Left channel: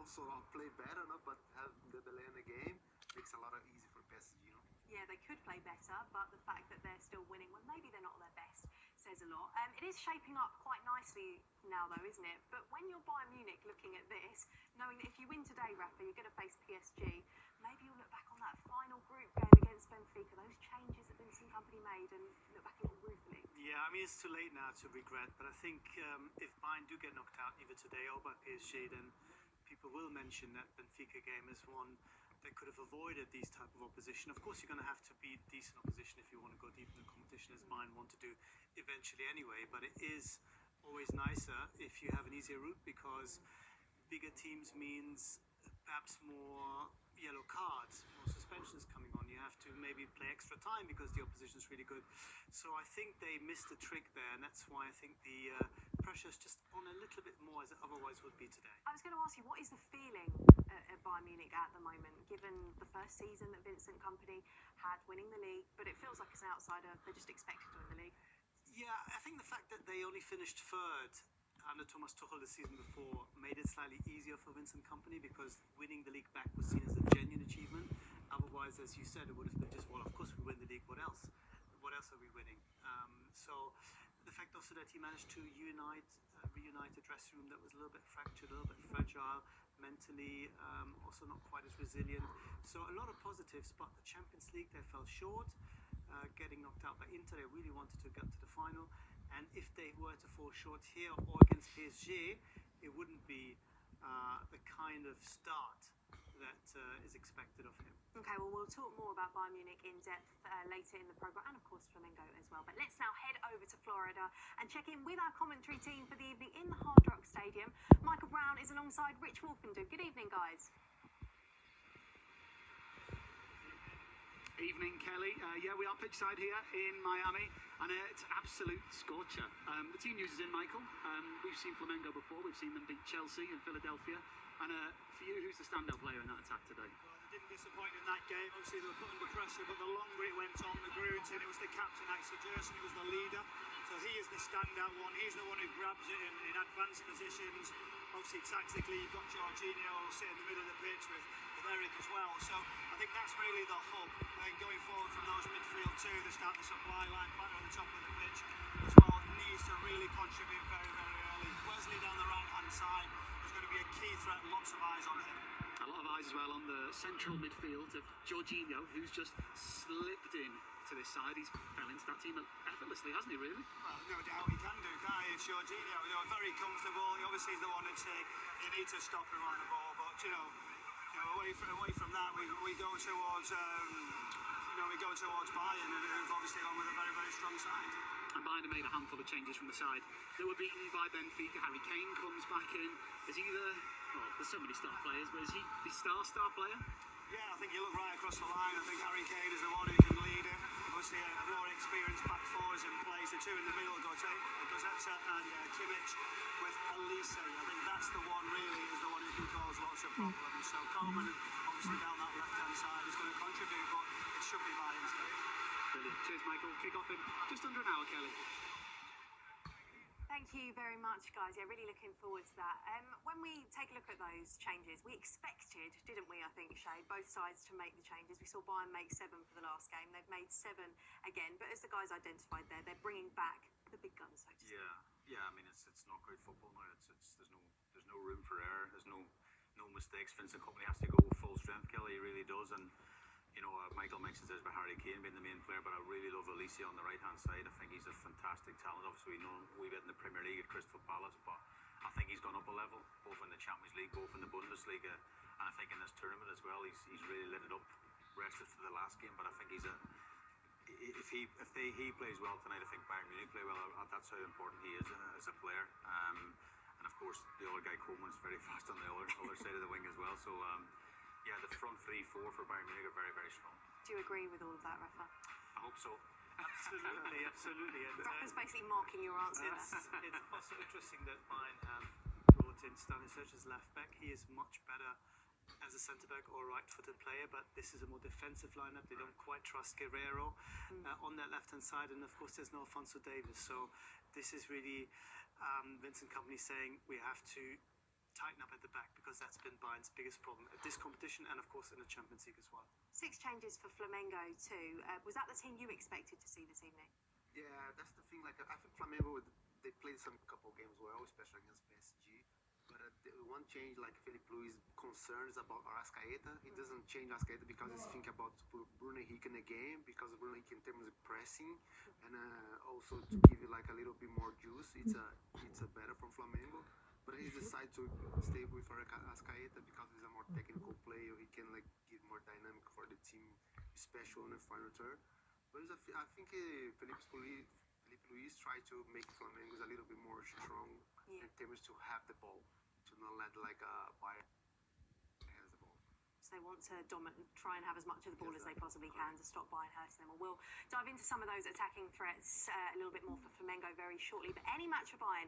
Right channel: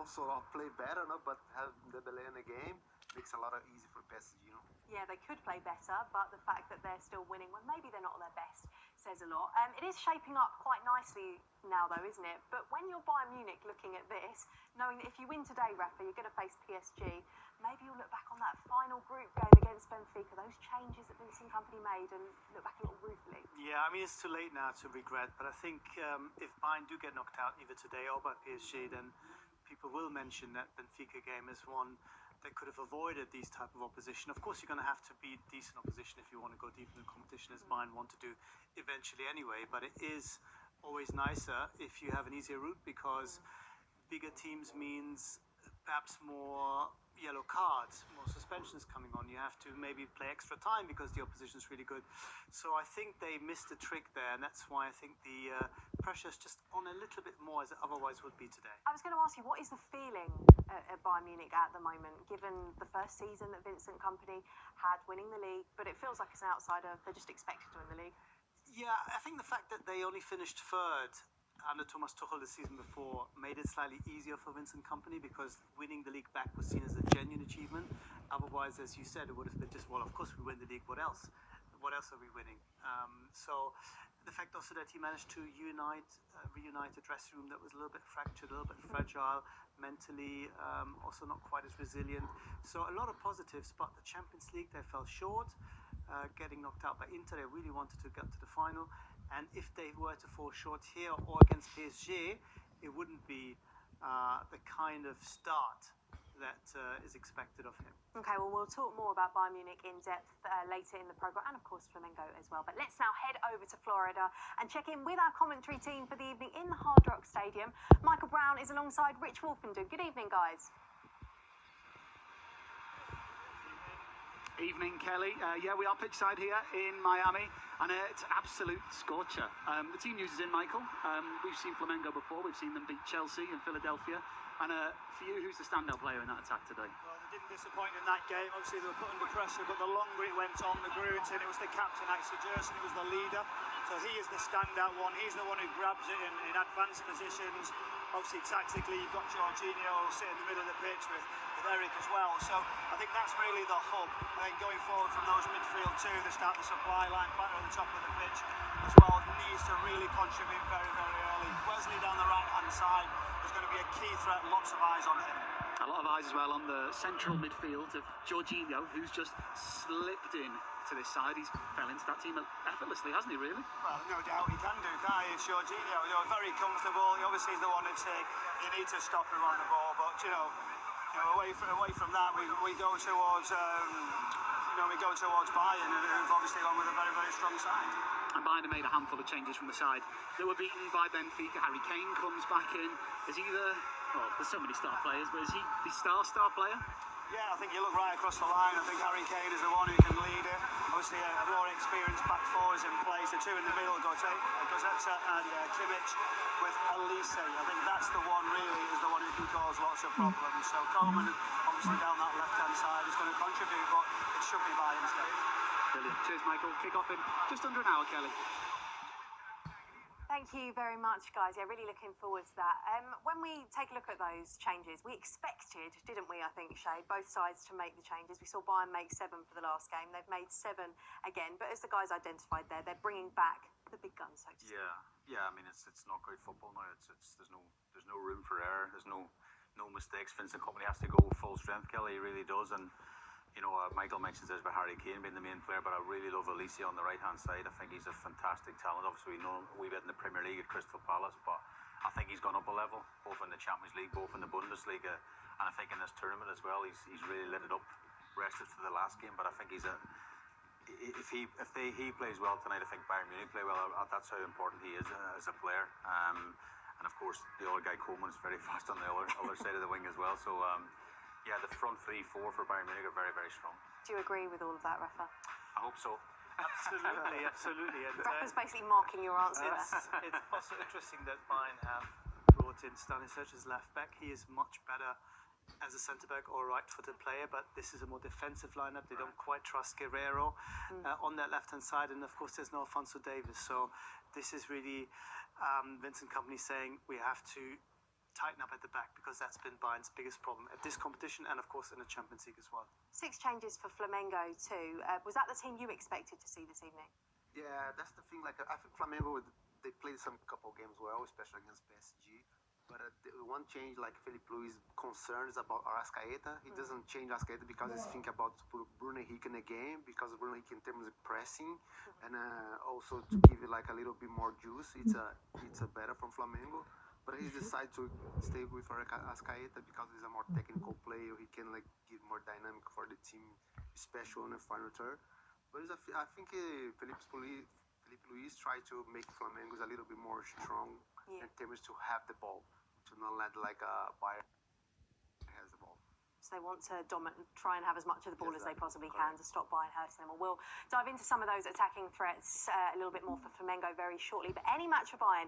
also play better, no? But have Dembele in the game makes a lot of easy for PSG, no? Yeah, they could play better, but the fact that they're still winning when maybe they're not at their best says a lot. It is shaping up quite nicely now, though, isn't it? But when you're Bayern Munich looking at this, knowing that if you win today, Rafa, you're going to face PSG, maybe you'll look back on that final group game against Benfica, those changes that Vincent Kompany made, and look back a little ruefully. Yeah, I mean, it's too late now to regret, but I think if Bayern do get knocked out either today or by PSG, then people will mention that Benfica game is one that could have avoided these type of opposition. Of course, you're going to have to beat decent opposition if you want to go deep in the competition, as Bayern want to do eventually anyway. But it is always nicer if you have an easier route, because bigger teams means perhaps more yellow cards, more suspensions coming on. You have to maybe play extra time because the opposition is really good. So I think they missed a trick there, and that's why I think the pressure is just on a little bit more as it otherwise would be today. I was going to ask you, what is the feeling at Bayern Munich at the moment, given the first season that Vincent Kompany had winning the league, but it feels like as an outsider, they're just expected to win the league? Yeah, I think the fact that they only finished third under Thomas Tuchel the season before made it slightly easier for Vincent Kompany, because winning the league back was seen as a genuine achievement. Otherwise, as you said, it would have been just, well, of course we win the league, what else? What else are we winning? So the fact also that he managed to reunite a dressing room that was a little bit fractured, a little bit fragile, mentally also not quite as resilient. So a lot of positives, but the Champions League, they fell short. Getting knocked out by Inter, they really wanted to get to the final. And if they were to fall short here or against PSG, it wouldn't be the kind of start that is expected of him. Okay, well, we'll talk more about Bayern Munich in depth later in the programme, and of course Flamengo as well. But let's now head over to Florida and check in with our commentary team for the evening in the Hard Rock Stadium. Michael Brown is alongside Rich Wolfenden. Good evening, guys. Evening, Kelly. Yeah, we are pitchside here in Miami, and it's an absolute scorcher. The team news is in, Michael. We've seen Flamengo before. We've seen them beat Chelsea and Philadelphia. And for you, who's the standout player in that attack today? Well, they didn't disappoint in that game. Obviously, they were put under pressure, but the longer it went on, the grew into it. It was the captain, actually. Gerson, who was the leader. So he is the standout one. He's the one who grabs it in advanced positions. Obviously, tactically, you've got Jorginho sitting in the middle of the pitch with Eric as well. So I think that's really the hub. And then going forward from those midfield two, they start the supply line back on the top of the pitch as well. Needs to really contribute very, very early. Wesley down the right-hand side is going to be a key threat. Lots of eyes on him. A lot of eyes as well on the central midfield of Jorginho, who's just slipped in to this side. He's fell into that team effortlessly, hasn't he, really? Well, no doubt he can do, can't he? It's Jorginho, very comfortable. He obviously is the one that's you need to stop him on the ball, but away from that, we go towards Bayern, who've obviously gone with a very, very strong side. And Bayern made a handful of changes from the side. They were beaten by Benfica. Harry Kane comes back in. Is he there's so many star players, but is he the star player? Yeah, I think you look right across the line. I think Harry Kane is the one who can lead it. Obviously, a more experienced back four is in place. The two in the middle, Gozeta and Kimmich with Elise. I think that's the one, really, is the one who can cause lots of problems. So Coleman, obviously down that left-hand side, is going to contribute, but it should be by instead. Brilliant. Cheers, Michael. Kick off in just under an hour, Kelly. Thank you very much, guys. Yeah, really looking forward to that. When we take a look at those changes, we expected, didn't we, I think, Shay, both sides to make the changes. We saw Bayern make 7 for the last game. They've made 7 again. But as the guys identified there, they're bringing back the big guns, so to speak. Yeah. I mean, it's not great football now. There's no room for error. There's no mistakes. Vincent Kompany has to go full strength. Kelly really does, and Michael mentions this about Harry Kane being the main player, but I really love Elise on the right-hand side. I think he's a fantastic talent. Obviously, we know him a wee bit in the Premier League at Crystal Palace, but I think he's gone up a level, both in the Champions League, both in the Bundesliga, and I think in this tournament as well, he's really lit it up. Rested for the last game, but I think if he plays well tonight, I think Bayern Munich play well. That's how important he is as a player. And of course, the other guy Coleman is very fast on the other side of the wing as well. So. Yeah, the front 3-4 for Bayern Munich are very, very strong. Do you agree with all of that, Rafa? I hope so. Absolutely. And Rafa's basically marking your answer there. It's also interesting that Bayern have brought in Stanisic as left back. He is much better as a centre-back or right-footed player, but this is a more defensive lineup. They don't quite trust Guerrero on that left-hand side, and of course there's no Alphonso Davies. So this is really Vincent Kompany saying we have to tighten up at the back, because that's been Bayern's biggest problem at this competition and, of course, in the Champions League as well. 6 changes for Flamengo too. Was that the team you expected to see this evening? Yeah, that's the thing. Like, I think Flamengo, they played some couple games well, especially against PSG. But the one change, like Felipe Luis concerns about Arrascaeta. He doesn't change Arrascaeta because he's thinking about Bruno Henrique in the game, because Bruno Henrique in terms of pressing, and also to give it like a little bit more juice. It's a better from Flamengo. But he decided to stay with Arrascaeta because he's a more technical player. He can like give more dynamic for the team, especially on the final third. But I think Felipe Luis tried to make Flamengo a little bit more strong in terms to have the ball, to not let like Bayern has the ball. So they want to try and have as much of the ball as they possibly can to stop Bayern hurting them. We'll dive into some of those attacking threats a little bit more for Flamengo very shortly. But any match for Bayern